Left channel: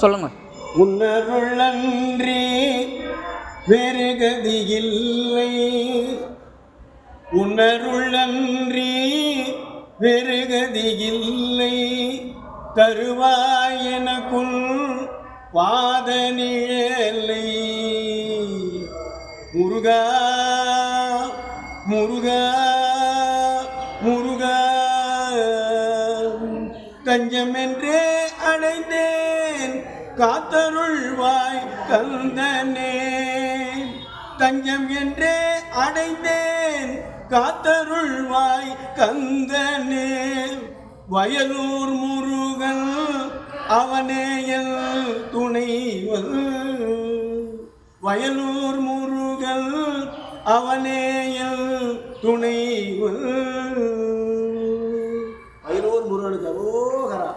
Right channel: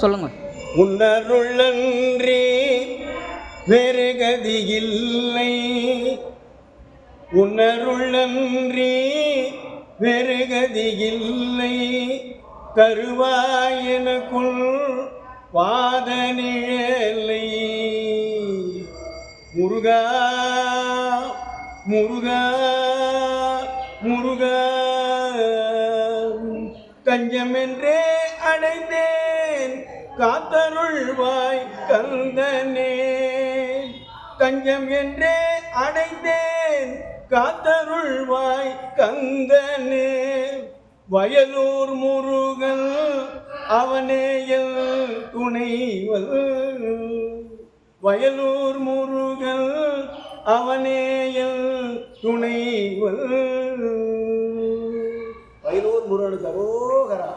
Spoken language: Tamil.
சொல்லுங்க. உன்னருளன்றி வேறு கதியில்லை, உன்னருளன்றி வேறு கதியில்லை, தருவாய் எனக்குள் பாத நிழலை. முருகா முருகா முருகா தஞ்சமென்றே அடைந்தேன் காத்தருள்வாய் கந்தனே, தஞ்சம் என்றே அடைந்தேன் காத்தருள்வாய் கந்தனே. வயலூர் முருகன் அவனே என் துணைவன், வயலூர் முருகன் அவனே என் துணைவன். வயலூர் முருகனுக்கு அரோகரா.